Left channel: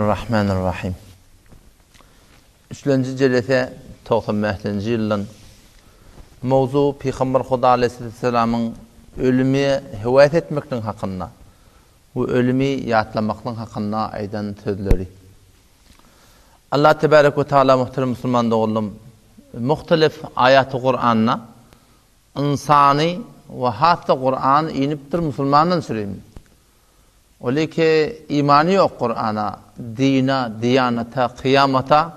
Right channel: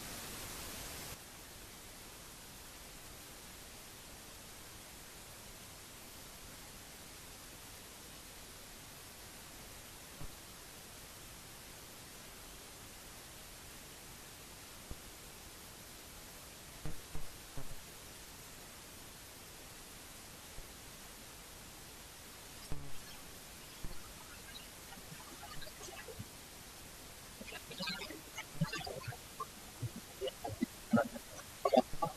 Rahmanirrahim. 3-nji jelese 95-nji ýylyň mowzu Peýgamber Huda aleyhisselamyň ölümi hewat etmekden hakynda, bu ölümi ýatlamakdan hakynda aýdan sözleri. Allah tebarek we taala muhterem musulman dogullum muhtelif ayat-ı Kur'an'a insani ve hatta Kur'an inipdir musulmandan süreyim. Öyle ki imanı yok Kur'an'a, dina, diyanata, kıyamata,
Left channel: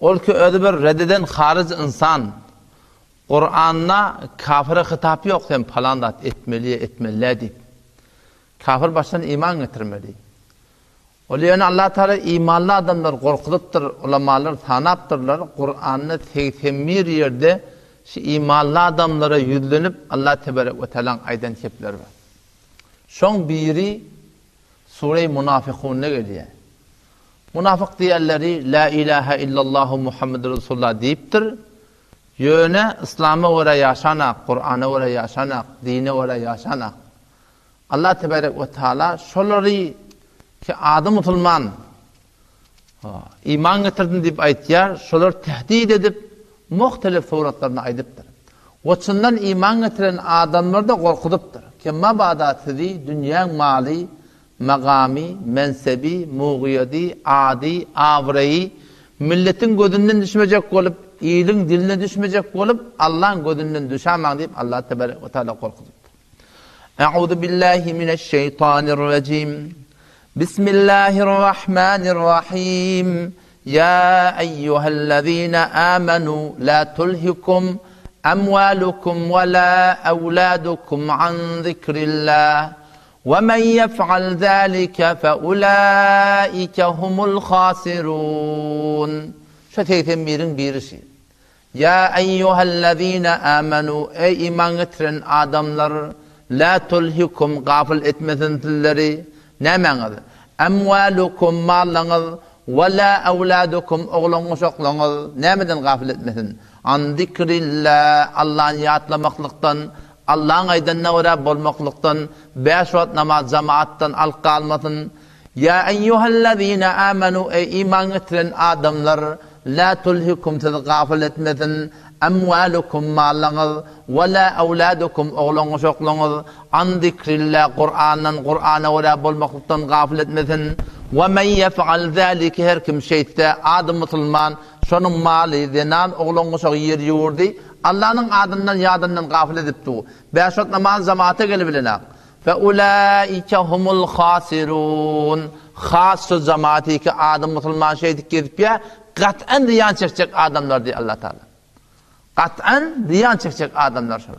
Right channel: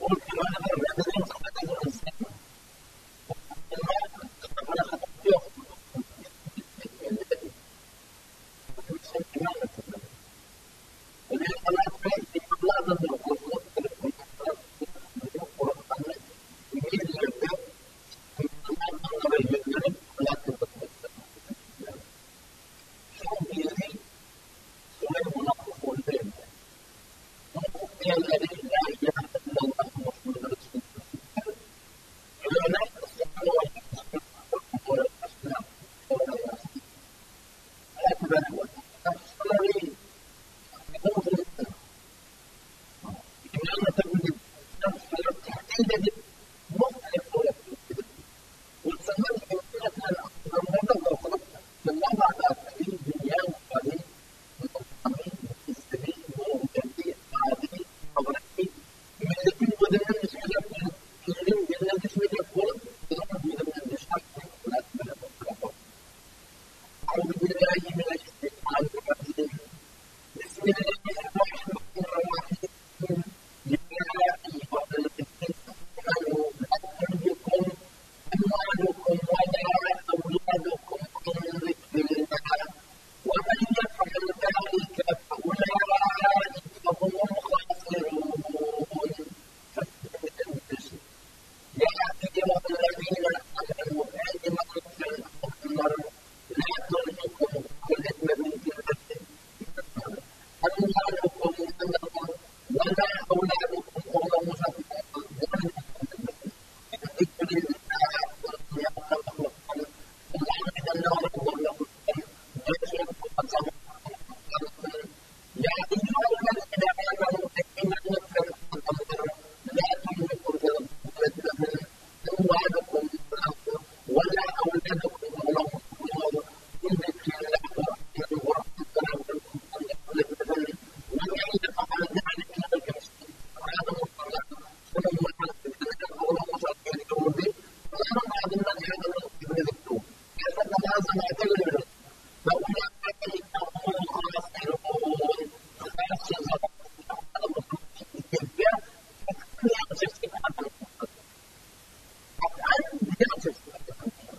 ol ki öyle bir reddeden hariz insan, Kur'an'a kafire hitap yok dem falandat etmeli deyip. Kafir baştan iman getirmeli. Öyle yani Allah Teala imanlı adamlar korkutuptur, ulamalar tanaptırlar, Kur'an'ı tektemir yerde şu imanlı adamlara yüzlenip Allah Tebarek ve Teala'nın aydan kepler var. Şon biri Sure-i Munafikun'a geliyor. Munafık diğerleri La ilahe illallah Muhammed Resulullah deyiptir. Yöne İslam'a göre yaşanak, Kur'an'a göre yaşanak, dine göre yaşanak. Allah Tebarek ve Teala şoları ki adı musulman iman getirdin deyip aytiyar, şolar tehdit edip muhtelif suratlarına aydıptır. Oçundan iman getiren adamlar da korkutuptur. Ki mabadati dünya mali, magami, mensebi, muğiyadi, adi, avreyi milletin gözünden düşmeyecek olup, iyiliğin diline düşmeyecek olup, Allah'ın gözünden düşemem deyip Allah Tebarek ve Teala korkutup. Eûzu billahi mineşşeytanirracim. Bismillahirrahmanirrahim. Ya eyyühellezine amenu la tulhikum amwalukum ve la evladukum an zikrillah. وَمَنْ يَفْعَلْ ذَٰلِكَ فَاُولَٰئِكَ هُمُ الْخَاسِرُونَ Şu tektemmirin birisi. Ya eyyühellezine amenu ey iman getiren adamlar la tulhikum gafil etmesin tilleri ne meňiz? Emvalukum mallarınız ve la evladukum oğlunuz oğlunuz nämeden gafil etmesin? An zikrillah Allah'ın yatlamaklıktan Allah'ın aydanına uğra bolmaklıktan 5 vakit namaz cemaattan alqalmasın. Ya eyyühellezine amenu ey iman getiren adamlar la tulhikum siz gafil etmesin emvalukum mallarınız ve la evladukum oğlunuz oğlunuz an zikrillah Kur'an'a uğra bolmaklıktan gafil etmesin. Ve men yef'al zâlike her kim şeyde adı musulman şonun mali zenan oğlunuz yer yurdi Allah'ın adından yadından gafil edipdi. 5 vakit namaz cemaate gelebilene. Fe ulaike humul khasirun. Khas cemaati ki adam musulman şeydik gezip ya kat'an ziyan çekecek adamlar diye Allah Teala. Kat'an ziyan çekecek adamlar şöyle.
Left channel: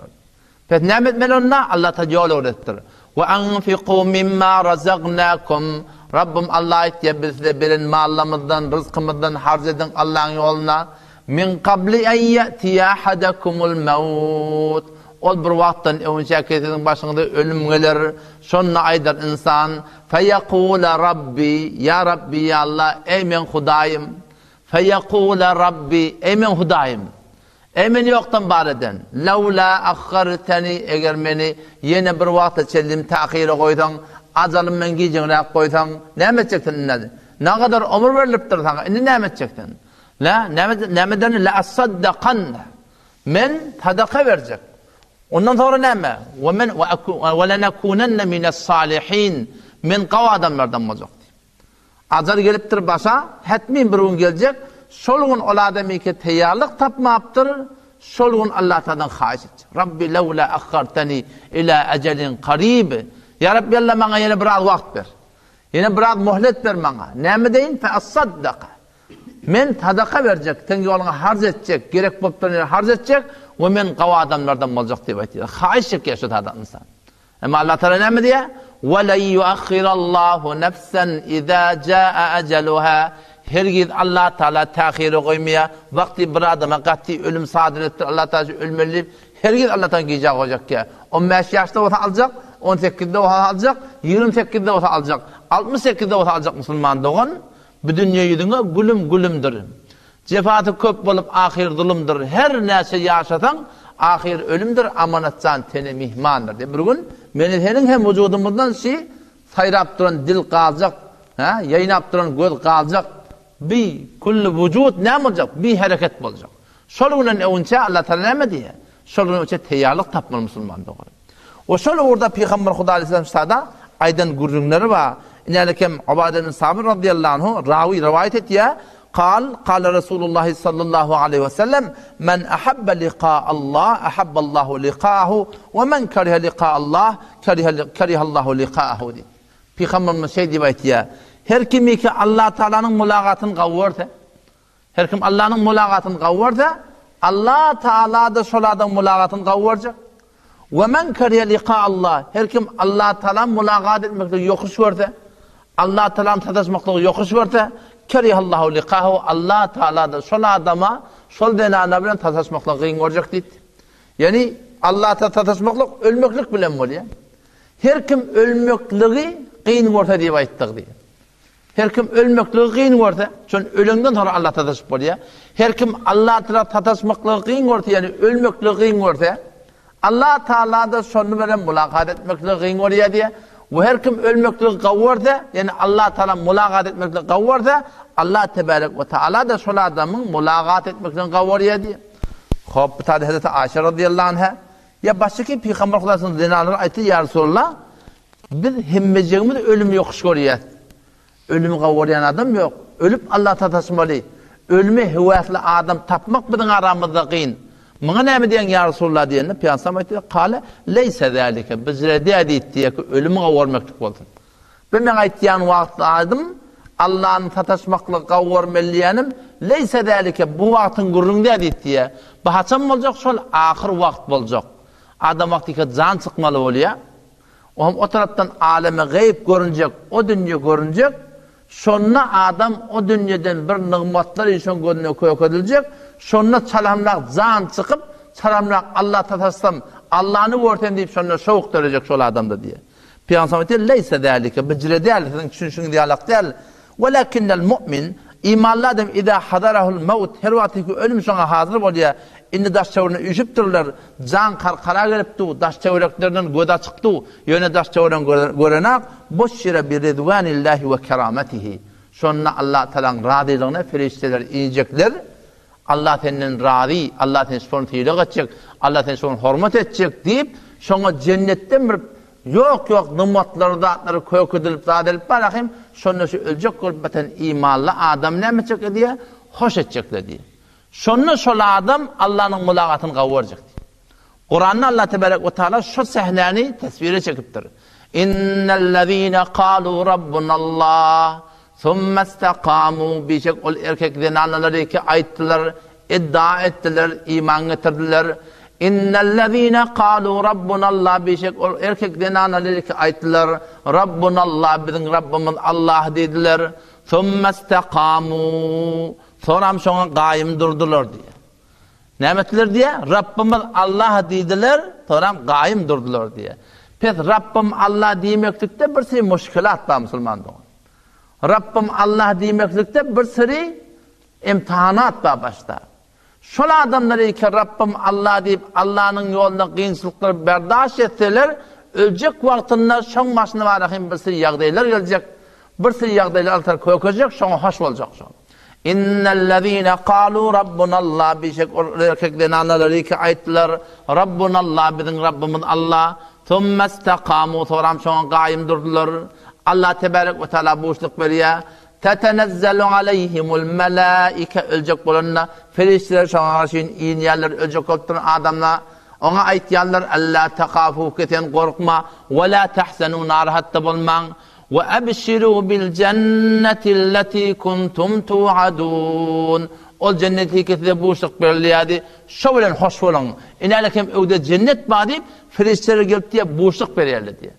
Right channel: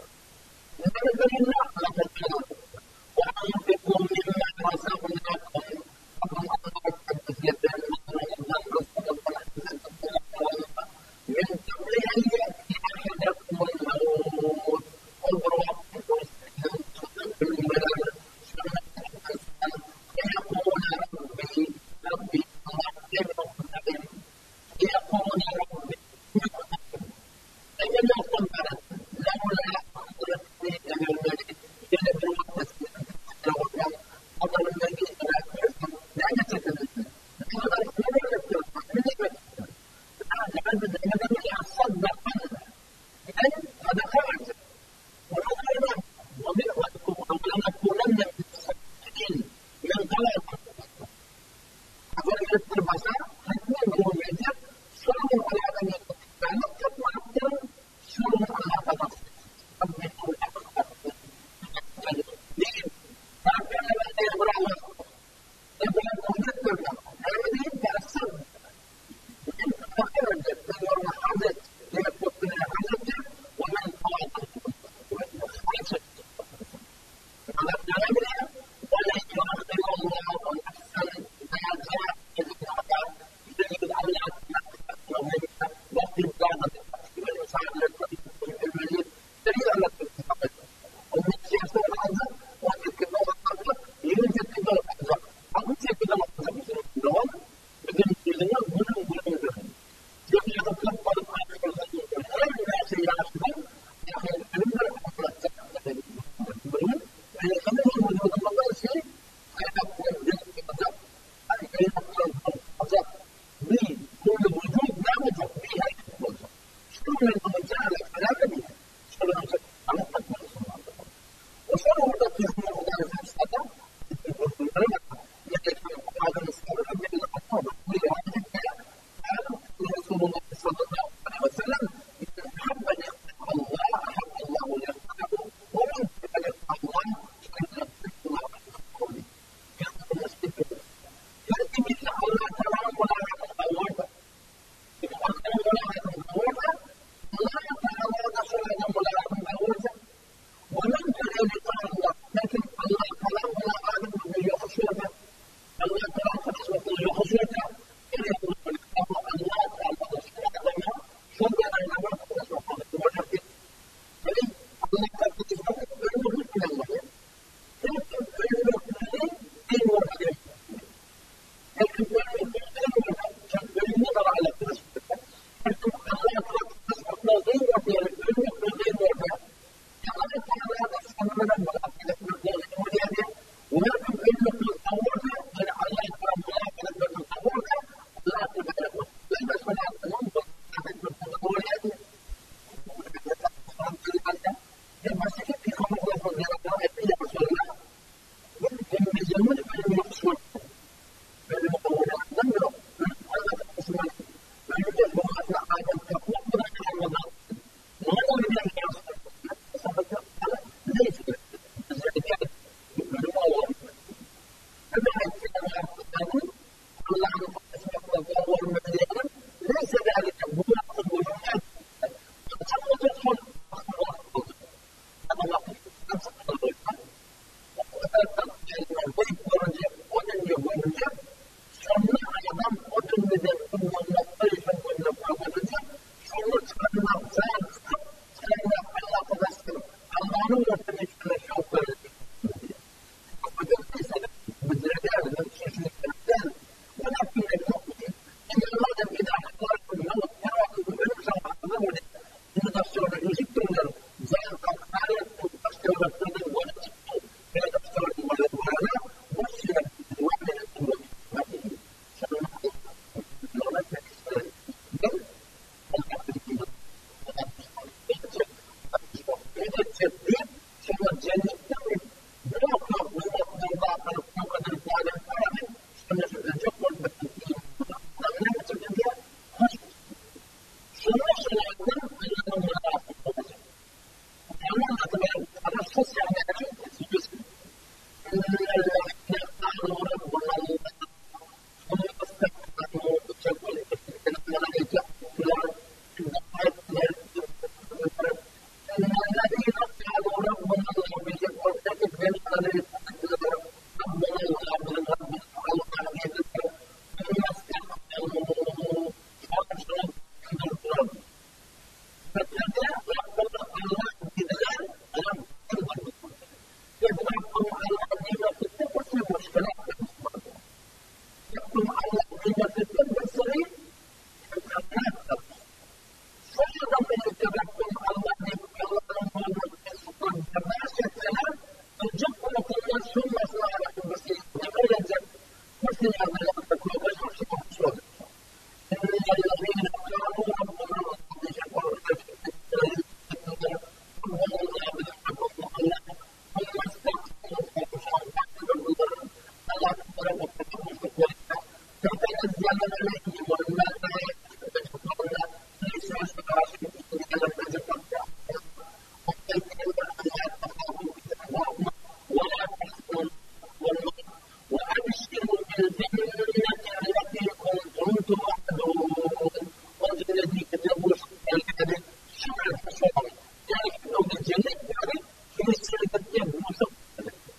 Fe nimet melonna Allah Teala yol öğrettir. Ve anfiqu mimma razaqnakum. Rabbim Allah etiye bizde birin mallamızdan, rızkımızdan harc edin Allah'ın yoluna. Min qabli en ye'tiye ahadakumul mevut. Ol bir vaktin önce kesin başında ölüm gelir. Şonna aydar insan. Feyekule Rabbi, ya Rabbi ya Allah, ey men Hudayım. Feyekule Rabbi, ey men Hudayım. Ey men yoktan bareden. Levla akharteni eğer beni yine bir vakta çellim tahire koysan, acalım men giyeceğine koysan, ne edecektin? Ne kadar ömür veriliptir sana, ne edecektin? La nemeden la asaddakan. Men sadaka verecek. Ondan sonra neme? Ve lenekunenne mines salihin. Men qava adamlardan olacak. Acar geliptir başa, hetmin bir gün gelecek. Şolgun ol adamı ki teyarlık tapmaptır. Şolgun Allah Ta'dan haiz edecek. Rabbi levla akhartani ila ecelin qarib. Ya Rabbi Allah bana yine biraz vakt ver. Yine biraz muhlet ver bana. Neme deyin? Fe asaddaka. Men sadaka verecek, ten yoluna harc edecek, gerek boptan harc edecek ve men qava adamlardan olacak diye aytıyor. Haişek yaşadı adam insan. Ama Allah Teala ne mi diye? وَلَنْ يُؤَخِّرَ اللّٰهُ نَفْسًا اِذَا جَاءَ اَجَلُهَا Hergiz Allah Teala tahiri koymaya, vakti bir adama kati ölüm sadır ettir, Allah Teala ölmeliyip, hergiz Allah'tan giyecek olacak ki. 15 yaşta olsa alacak, 18'de olsa alacak, 28'de olsa alacak, 68'de olsa alacak Müslüman doğun. Bu dünya yüzüne gülümdür. Cefatı köp bolup ahir zulümdür. Her neyse yaşasan ahir ölümdür. Amanatcan teni mihmandır. Bir gün meni senin hem vücudumuzdan sayrap duran dil kalacak, Ha, yayınap duran göz kalacak. Bir kullu vücut ne olacak? Bir hareket olacak. Şolunun önce Allah Teala ne diye? Şolunun önce teyarlık tapmalı Müslüman doğru. O şol orada Peygamber Huda Aleyhisselam sada aydan gurrunları var. İnelekem Ubade bin Sabir radıyallahu anhu ravi rivayet etti ya. قال رسول الله صلى الله عليه وسلم من أحب لقاء الله أحب الله لقاءه ومن كره لقاء الله كره الله لقاءه diye. Peygamberimiz şey rivayet ya. Her kim ki Allah Teala'nın mülaqatını qavursa, her kim Allah'ın mülaqatını qavursa, Allah Teala da şol adam mülaqatını qavuracak. Ve men kariye liqa Allah, her kim Allah Teala mülaqat etmekle yokuş görse, Allah Teala'nın tadaşmakla yokuş görse, karihallahu liqahu, Allah Teala da şol adama şol denana bilen tadaşmakla qıyın olacak deydi. Yani Allah Teala tadaşmakla ölmeklik bilen oluyor. Her kim ölmekliği qıyın görse diye ayttık diye. Her kim ölmekliği qıyın görse, şon ölünden sonra Allah tadaşıp oluyor. Her kim Allah Teala tadaşmakla qıyın görse, yani ölmekliği qıyın görse, Allah Teala da şonu bilen mülaqat etmekle qıyın oluyor diye. Ve her kim ölmekle qavursa, yani Allah Teala mülaqat etmekle qavursa, Allah Tebarek ve Teala da şol adamın mülaqat etmekle qavuruyor diye. Hop, tabi Hazreti Ayşe radıyallahu anha ya baştaki Peygamber Hudası'nın zinaları ayeti ya Resulullah, biz hemmecimiz ölümü yokuş görüyoruz. Ölümü qavuruyan adam yok. Ölüp Allah tatasmalı. Ölümü hüvaslı adam tapmak bizim aramızda qıyın. Mına näme diyen ya Resulullah diyenle Peygamber aytdı, "Qala leysa zalika." Bizre deydi ki ölümü qavurmaklık bolsun. Ben aytyan wagt adım Allah'ın tatasmakla qavurmalyanyım, leysa zalika bu wagtın gurrunda deydi. Bu haçan bolacak, şol ahir wagt bolacak. Adam wagtiki can çıkmalı bolýar. O taraftan aleme gayb görünecek, o dünya görünecek. Şonna adam o dünyadan bir nimetler işon gönlüne koyulecek. Şonna çalamlaq can çıkıp, çalamlaq Allah tataslam, Allah'ını görten deyip şonna şovuk verecek şol adamda diye. Peygamber diyor, leysa zalika, bicre değil, çünkü diyalak değil. Velakinnel mu'min, imanlı adam idâ hadarahul mevt, her vakti ölüm şona hazır oluyor. İnni daş çavurunu üşüp dururlar, can karkara gelipti, daş çavuraklarından göda çıktı, yöne daş çavuran görenak, boşşire bir ridvanillahi ve kerametihi. Şonna Allah Teala'nın radilığına ferişteler inecekler, Allah Teala'nın radi, Allah Teala'nın şunu tiyilek edecek, Allah Teala'nın şunu hürmet edecek deyip, şuna cennetten bir yok nimetleri dağıtları koyuk edilip dağıtılıp bırakayım, şunu ölecek olup beten imanlı adam ne yapacak diye, hoş edecekler diye. Şonu şol adam Allah'ın mülaqatını qavuracak. Kur'an'da Allah Tebarek ve Teala şu sahneni tasviri çekiptir. İnnellezîne kâlû rabbunallah thumma istaqamû, bişek ol erkeklerin anneleri ki ayettiler, iddia ettiler, iman getirdiler. İnnellezîne kâlû rabbunallah, bişek ol erkeklerin anneleri ki ayettiler, rabbunallah, bizim Rabbimiz Allah dediler. Thumma istaqamû, sonra şoňa gaýym durdular diye. Nämetler diye? Rabbimiz Allah dediler, sonra gaýym durdular diye. Pes Rabbim Allah diýmeklikde bir sürü müşkilat bar musulmanda. Rabbim Allah diýmeklikde bir sürü imtihanat bar başta. Şol adamlar ki Rabbim Allah diýip Allah'ın ýoluna gynçylyklar berdaş etseler, öljek wagtynda şoň başyna barahym bir sürü ýagdaýlar geljek. Bir sürü ýagdaýlar altar köýekjek, şoňa hoş boljak şoň. İnnellezîne kâlû rabbunallah, bişek erkeklerin anneleri ki ayettiler, rabbunallah, bizim Rabbimiz Allah. Thumme istakâmû, sonra şoňa gaýym durdular. Allah Tebarek ve Teala boşluk veriyor. Tetenezzelu aleyhimul melâike, ölecek bolanlar, ferişteler şoňa garşy inýärler, ölecek bolup duran adamlar. Ona aytýarlar, alla takafû, keten korkma, ve la tahsenû, narahatda bolmaň. وَأَبْشِرُوا بِالْجَنَّةِ الَّتِي كُنْتُمْ تُوعَدُونَ. O cenneti ketide boşluk verilýärdi. Şo bilen hoş bolan. Inalekem öwde cennet bar diýip ferişteler gelip diye boşluk berýärler diye.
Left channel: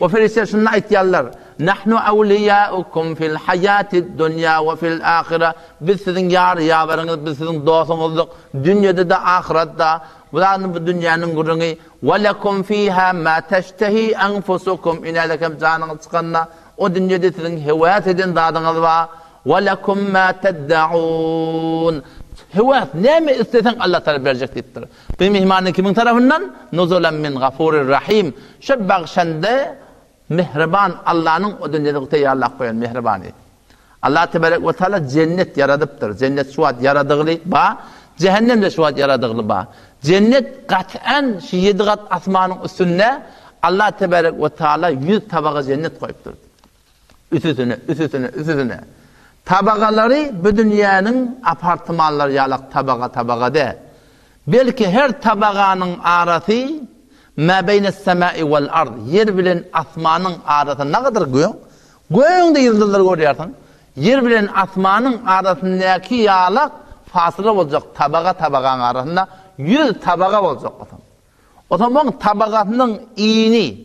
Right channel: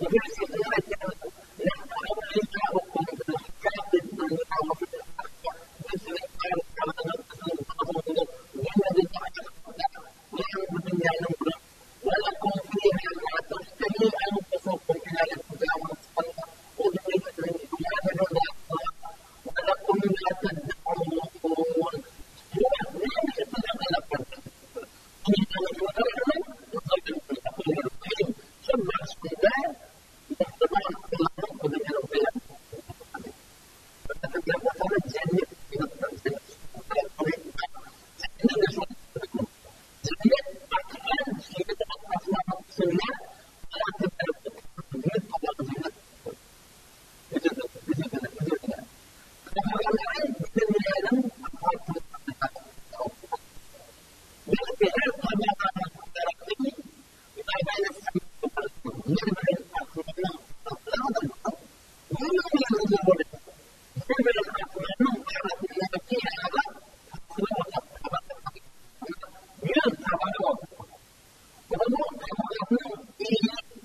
O ferişteler şunu aýtýarlar: "Nahnu awliyaukum fil hayatid dunya ve fil ahire." Biz sizin ýar-ýawaryňyz, biz sizin dostuňyzdyk, dünýede de ahiretde. Bularni bu dünýäniň gurungy. Ve lekum fiha ma teştehi enfusukum, inalekem janyňyz çykanda o dünýede sizin hewat eden dadyňyz bar. Ve lekum ma ted'un, hewat näme istesen Allah Teala berjek diýipdir. Bu mehmanyň kimin tarapyndan? Nuzulan min gafurir rahim. Şu bagşanda mehriban Allah'ın o dünyada tayarlaq koyan mehriban edi. Allah tebarek ve taala cennet yaradıptır. Cennet suat yaradıgılı ba, cehennem de suat yaradıgılı ba. Cennet kat'an şu 7 kat asmanın üstünde Allah tebarek ve taala 100 tabağa cennet koyuptur. Üstüne. Tabagaları bu dünyanın apartmanları yalak tabaga de. Belki her tabağanın arası ma beyne semai vel ard. Yer bilen asmanın arası ne kadar göğün? Göğünde yıldızlar görüyorsun. Yer bilen asmanın arasındaki yalak fasıla olacak tabağanın arasında 100 tabağa olacak. O zaman tabağasının iğni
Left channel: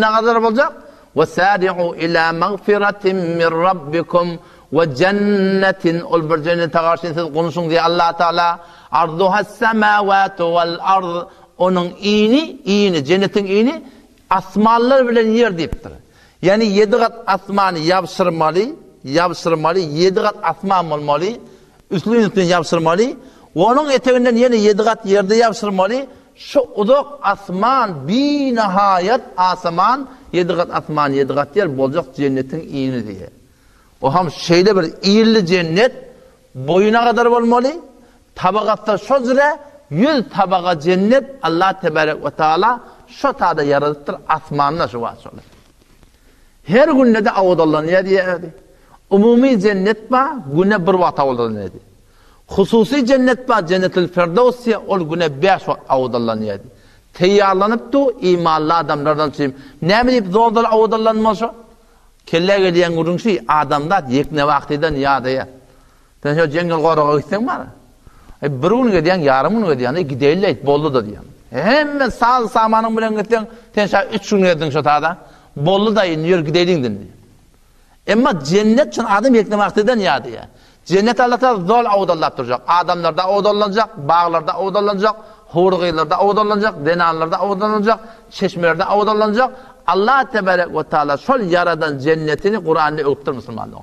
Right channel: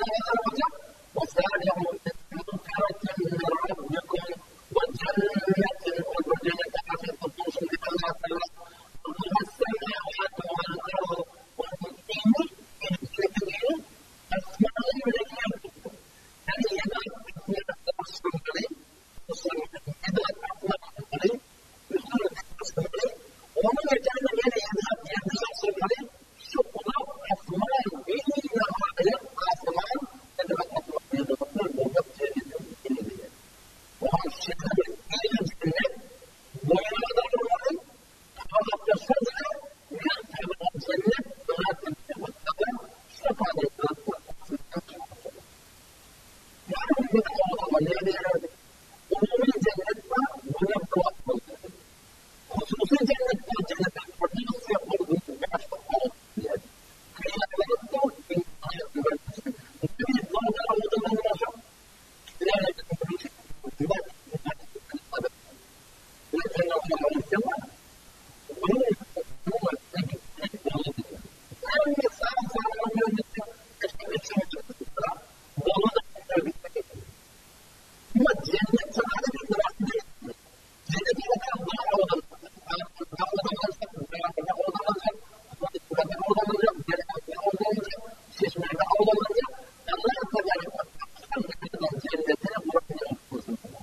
ne kadar olacak? وَسَارِعُوا إِلَى مَغْفِرَةٍ مِّنْ رَبِّكُمْ وَجَنَّةٍ ol bir cennete karşı siz konuşun diye Allah Teala arduha semavatu vel ard onun iğni cennetin iğni asmanlar bilen yer deyiptir. Yani 7 kat asmanı yapıştırmalı 7 kat asman olmalı üstüne yapıştırmalı onun eteğinden yine 7 kat yerde yapıştırmalı şu uzak asman bir nihayet asman 7 kat asman 7 kat yer olacak cennetin iğni diye. O ham şeyde bir iyirli cennet boyuna kadar olmalı. Tabakatta şu züre 100 tabaka cennet Allah tebarek ve taala şu tada yaratıktır asmanına şu vasılı. Her günde de avudallanıyor diye. Umumi cennet ba güne bir vata avudallanıyor diye. Hususi cennet ba cennetil firdevsiye ol güne 5 avudallanıyor diye. Teyyarlanıptı imanlı adamlardan çizim. Ne bilip zordan avudallanmasa? Kelle geliyen gurunşi adamda yekne vaktiden yadaya. Sen şu cengel qorağa gitsen bana. Bir gün gediyen, yarım gün gediyen, gideyle bollu da diyen. Hem sağ samanın bilen gitsen, sen şu 3 gün gedin şu tada. Bollu da iniyor gideylin diye. Ama cennet için adam yekne vaktiden yadaya. Cennet Allah'ta zor avudallat duracak. Adamlarda avudallanacak, bağlarda avudallanacak, hurgıylarda avudallanacak, denanlarda avudallanacak, çeşmelerde avudallanacak. Allah tebarek ve taala şol yaradan cennetini Kur'an'da öğüttür Müslümanlar.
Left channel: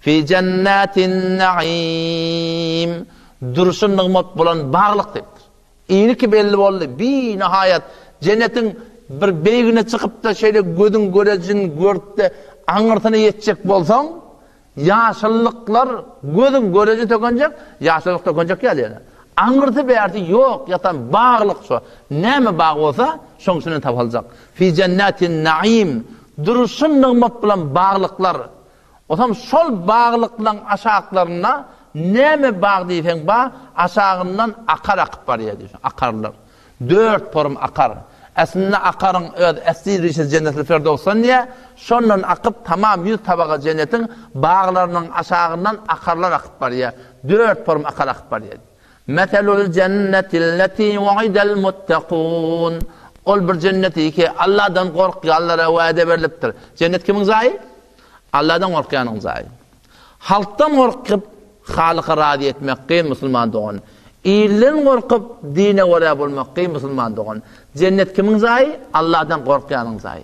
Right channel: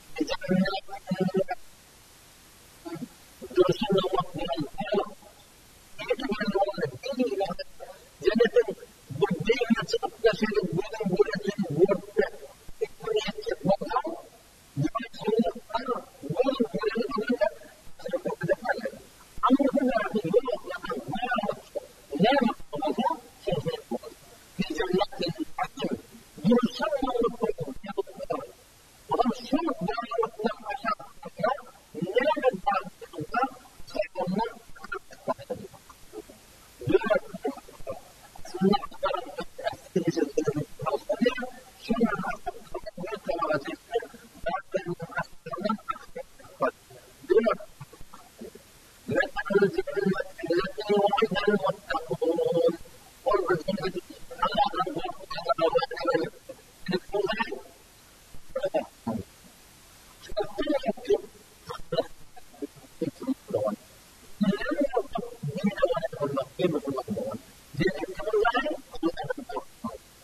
Fi cennetin naim duruşun nıgmat bulan bağlık deyiptir. İyini ki belli oldu. Bir nihayet cennetin bir beygine çıkıp da şeyle gözün görecin görüp de anırtını yetecek bolsan yaşlılıklar gözün göreci tökünecek, yaşlılık tökünecek ya diyor. Anırtı berti yok yatan bağlık şu. Neme bağ olsa şoňsunu tapalacak. Fi cennetin naim duruşun nıgmat bulan bağlıklar. O zaman şol bağlıklan aşağılarına neme bağ deyfen bağ aşağından akar akıp var ya diyorsun. Akarlar. 4 porum akar. Aslında akarın esli cennetil firdevs'tan niye? Şondan akıp tamam 100 tabağa cennetin bağlarının aşağından akarlar akıp var ya. 4 porum akar akıp var ya. Metelul cennetilleti vaidel muttakun. Ol bir cenneti ki Allah'dan korkuyanlara vaade veriliptir. Cennet kimin zayi? Allah'dan korkuyanın zayi. Halktan korkup Halık'a razı etmek ki Müslüman doğun. İyilin korkup dine vara bulmak ki Müslüman doğun. Cennet kimin zayi? Allah'dan korkuyanın zayi.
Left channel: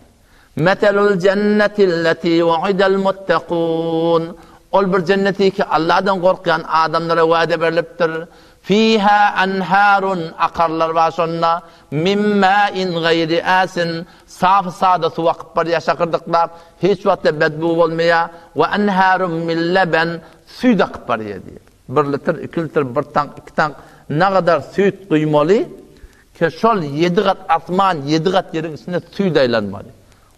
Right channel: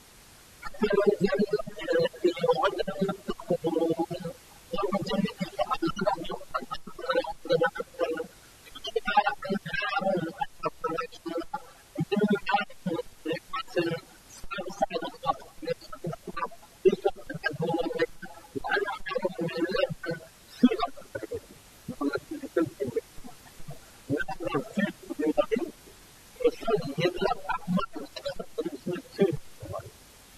Metelul cennetilleti vaidel muttakun. Ol bir cenneti ki Allah'dan korkuyan adamlara vaade veriliptir. Fiha anharun akarlar var sonra min ma'in gayri asin saf sada su vakıp var ya şakırdıklar hiç vakti bedbu olmaya ve anharun min leben süt akıp var ya diye. 1 litre, 2 litre, 1 tank, 2 tank ne kadar süt duymalı ki şol 7 kat asman 7 kat yerin üstünde süt aylanmalı.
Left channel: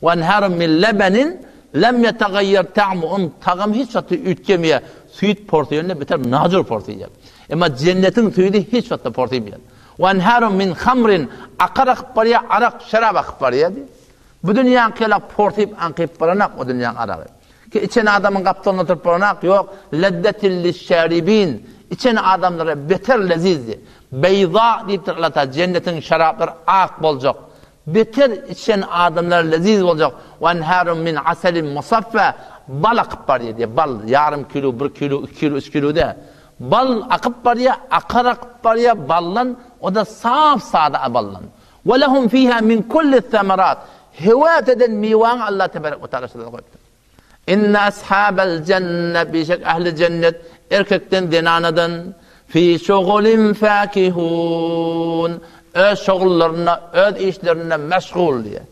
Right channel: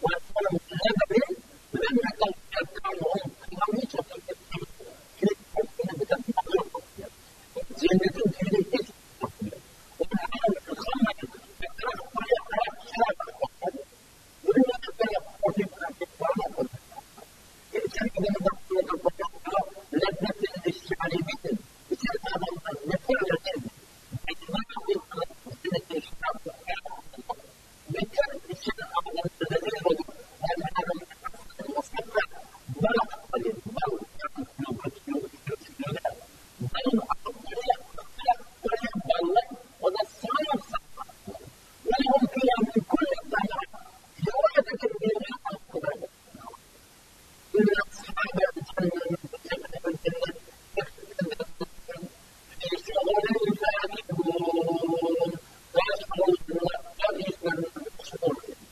Ve anharun min lebenin lem yetagayyer ta'mu on tağım hiç vakti ütkemeye süt porsiyonuna biter nazır porsiyon. Ama cennetin suyu hiç vakti porsiyon. Ve enharun min hamrin akar akıp var ya arak şarap akıp var ya diye. Bu dünyanın kela portiyip ankıyıp varanak o dünyanın arağı. Ki içen adamın kaptanına oturup varanak yok. Leddetilli şeribin. İçen adamlara beter lezizdi. Beyza deyip Allah cennetin şarapları ak olacak. Beter içen adamlar leziz olacak. Ve enharun min aselin musaffa. Bal akıp var ya diye. Bal yarım kilo, 1 kilo, 2 kilo, 3 kilo de. Bal akıp var ya, akar akıp var ya ballan, o da saf sade ballan. Ve lehum fiha min kulli thamarat. Hevat eden mivan Allah tebarek ve teala şöyle koydu. İnne ashabel cennet bişek ehli cennet erkekten denanadan fi şugulin fakihun. Öz şugullarına, öz işlerine meşgul diye.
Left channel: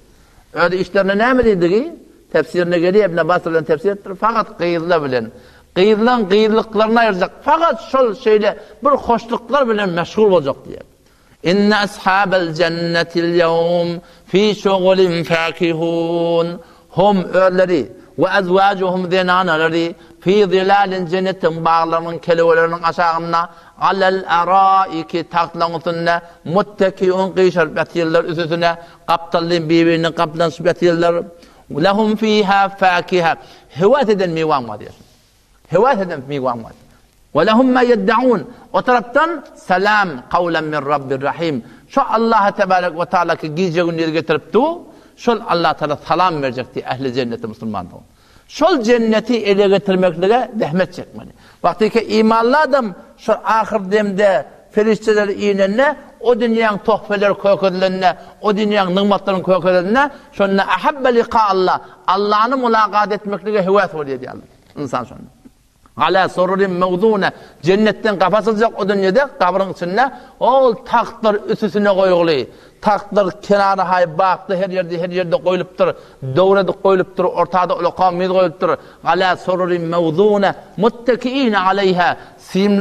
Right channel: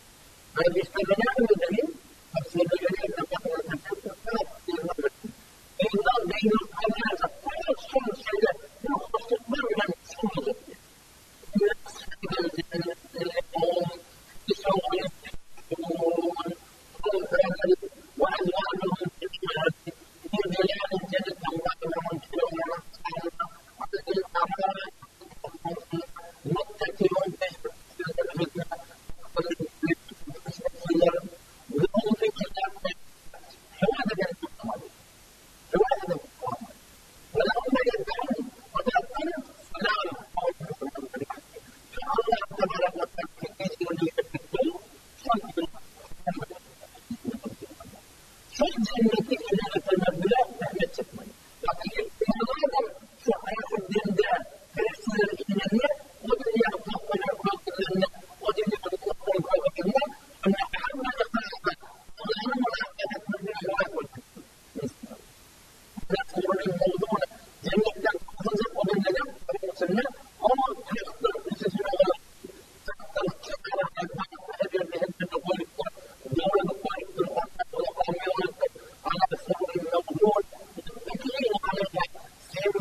Öyle işlerine ne mi dedi ki? Tefsirine geliyor İbn Abbas'ın tefsir ettir. Fakat kıyırla bilen. Kıyırlan kıyırlıklarına ayıracak. Fakat şol şeyle bir hoşluklar bilen meşgul olacak diye. İnne ashabel cennetil yevm fi şugulin fakihun. Hum örleri ve ezvacuhum zinanaları fi zilalin cennetin bağlarının kelevelerinin aşağına alel araiki tahtlanısına muttekiun qişar batiyler üstüne kaptallin birbirine kaplan batiyler lehum fiha fakiha hevat eden miwan var diyor. Hevat eden miwan var. Ve lehum ma yed'un o taraftan selam kavlen min rabbir rahim. Şu Allah tebarek ve taala ki gece günleri getirip tu şol Allah Teala salam verecekti ehli cenneti Müslümanlar. Şol cenneti ele getirmekle zahmet çekmeli. Vakti ki imanlı adam şu ahir demde ferişteler iğnenine o dünyanın tohfeleri koyakedilenine o dünyanın nimetlerin koyakedilenine şununla ahabbe liqa Allah Allah'ını mulakat etmekle hevat oluyor diye Allah. İnsan sonra. Ala sorurin mevzune cennetten kapatılacak o dünyada kabrın içine o tahtlar üstüne koyuluyor. Tahtlar kenarı hay baktı her yerde koyuluptur. Doğrada koyuluptur. Ortada ulaqamil koyuluptur. Ala sururin mevzune muttakiin aleyha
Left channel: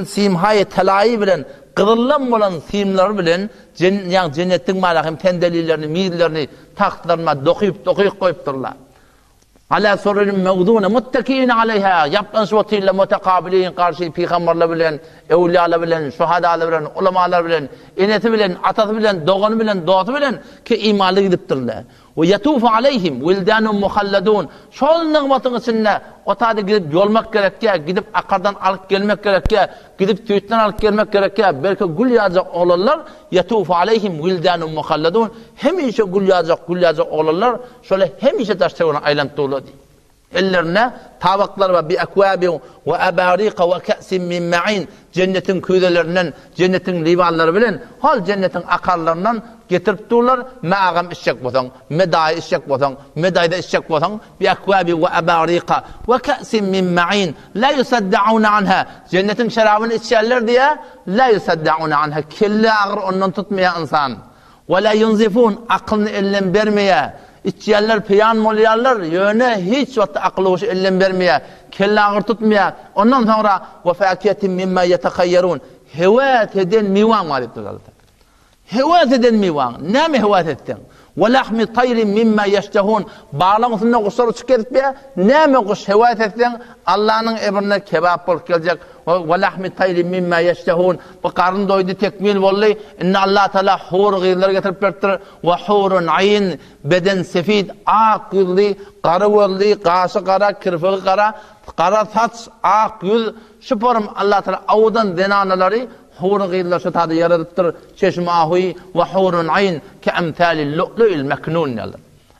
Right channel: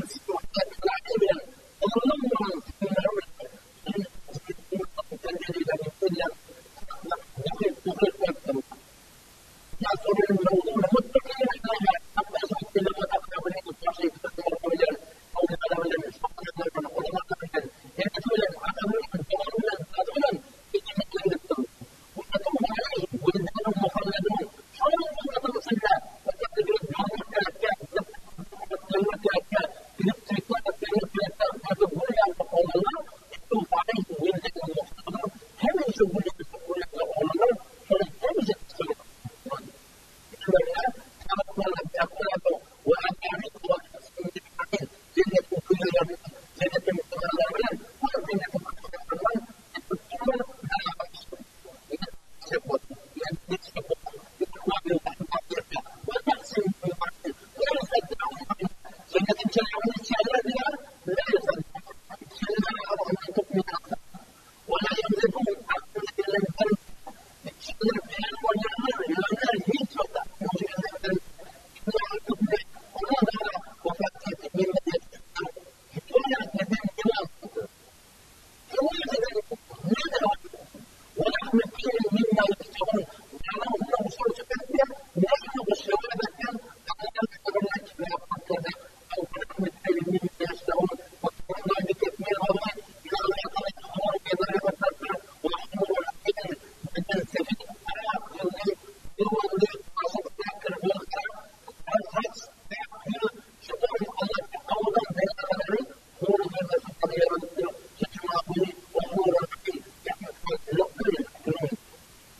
simhaye telayi bilen qızıllan bolan simler bilen cennetin malakım pendelilerini, mirlerini tahtlarına dokuyup koyupturlar. Ala sururin mevzune muttakiin aleyha yaptan şuvatıyla mutekabilin karşı peygamberler bilen evliyalar bilen, şuhadalar bilen, ulemalar bilen, eneti bilen, atası bilen, doğanı bilen, doğatı bilen ki imanlı gidiptirler. Ve yatufu aleyhim vildanun muhalladun. Şol nimetin içinde otada gidip yolmak gerekke, gidip akardan alıp gelmek gerekke, gidip tüyütten alıp gelmek gerekke, belki gül yağacak oğlanlar yatufu aleyhim vildanun muhalladun. Hemişe gül yağacak oğlanlar şöyle hemişe taştığına aylantığı olur diye. Ellerine tabaklar ve bir ekvabi ve abarika ve ka'sin min ma'in cennetin kuyudelerinden cennetin livalları bilen hal cennetin akarlarından getirip dururlar ma'agam içecek bosan medayı içecek bosan medayda içecek bosan bir ekvabi ve abarika ve ka'sin min ma'in la yusaddaun anha cennetin şarabını içerler diye la yusaddaun anha kelle ağır ondan tutmaya insan ve la yunzifun aklını ellen vermeye İçyerler piyan molyarlar yöne hiç vakti akıllı hoş ellen vermeye, kelle ağır tutmaya. Ondan sonra ve fakiyetin mimma yetekayyarun. Hevat eden mivan var etti. Hevat eden mivan. Ne mi hevat ettin? Ve lahmi tayrin mimma yeştehun. Bağlamasında kuşlar uçuk edip ya. Ne mi kuş hevat ettin? Allah'ın emrine kebap olup gelecek. Ve lahmi tayrin mimma yeştehun. Bu karın doydu tekmil vallahi. İnne Allah Teala hur gıyırları getirip vertir. Ve hurun ayin beden sefid. Ak yüzlü, karı gözlü, kaşı kara, kırfığı kara, kara saç, ak yüz. Şu porum Allah Teala avudan denanaları hur gıyırlar şu tadı yaradıktır. Çeşme ahuyi ve hurun ayin ke emthali lu'lu'il meknun.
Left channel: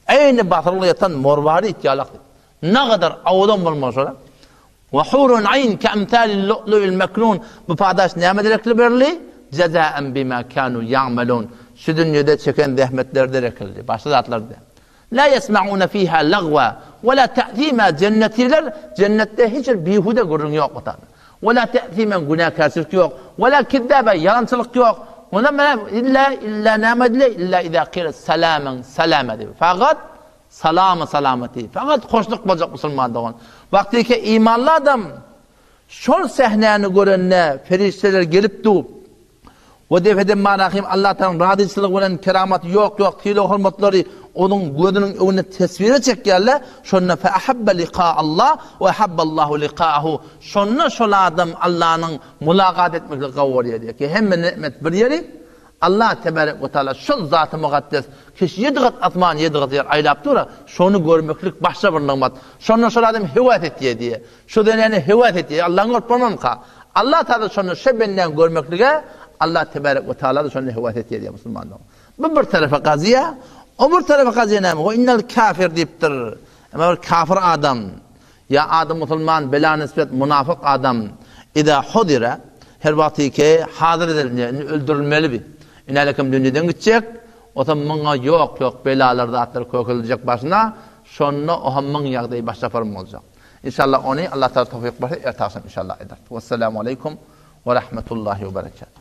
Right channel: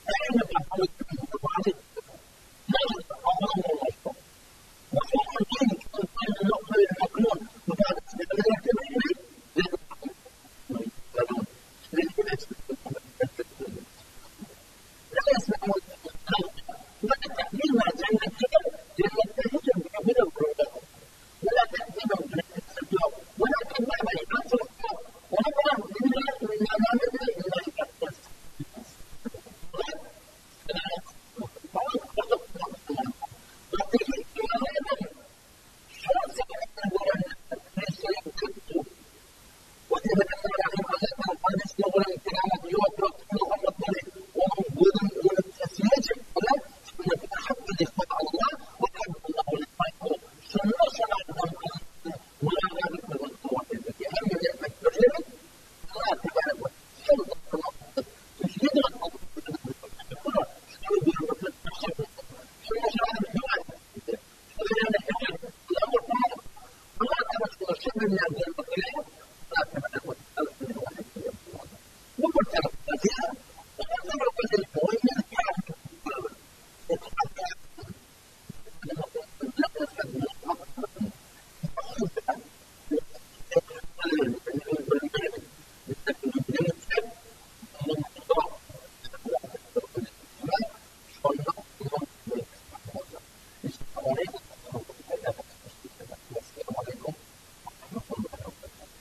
Aynı batırlı yatan morvari ihtiyalaktı. Ne kadar avudan bulmaz ola. وحور عين كأمثال اللؤلؤ المكنون بفاداش نعمة دركل برلي جزاء بما كانوا يعملون şu dünyada çeken zahmetlerde rekildi başladılar. La yesmaun fiha lagwa ve la ta'thima cennetiler cennette hiç bihude gurun yok otadı. Ve la ta'thima günahkarlık yok. Ve la kizzaba yalancılık yok. Ve illa namadle illa iza qila salaman salamati. Fakat salameti. Fakat hoşluk olacak Müslümanların. Vakti ki imanlı adam şol sahneni görenine ferişteler gelip du ve defeden marahim Allah'tan radicilik bilen keramat yok tilo hürmetleri onun gözünün önüne tasvire çekerler şonna fe ahabba liqa Allah ve ahabballahu liqa'ahu şonna şol adam Allah'ın mulakat etmekle kavuriye diyor ki hem nimet bir yeri Allah tebarek ve teala şol zatı mukaddes kişi yediğat atman yediğat yer aylap dura şonu görmeklik başka bir nimet şonna şol adam hevat etti diye şu denene hevat etti Allah'ın korkmam ka Allah Teala şonu şebenden görmeklige Allah tebarek ve teala da şonu hevat etti diye Müslümanlar bu bir tarafa kaziye o bir tarafa kaziye ne o innel kafir deyiptir ama kafir adam ya adam Müslüman bela nispet münafık adam ida hudira her vakti ki hazır edilir öldürülmeli bir inalekim dünyadan gidecek o zaman yok belalarda atlar koyulacak başına şonno o hamman yağdayı başta farm olacak. İnşallah onu Allah Teala tevfik versin ertasın inşallah eder. Vesselamu aleyküm ve rahmetullahi ve berekatuhu.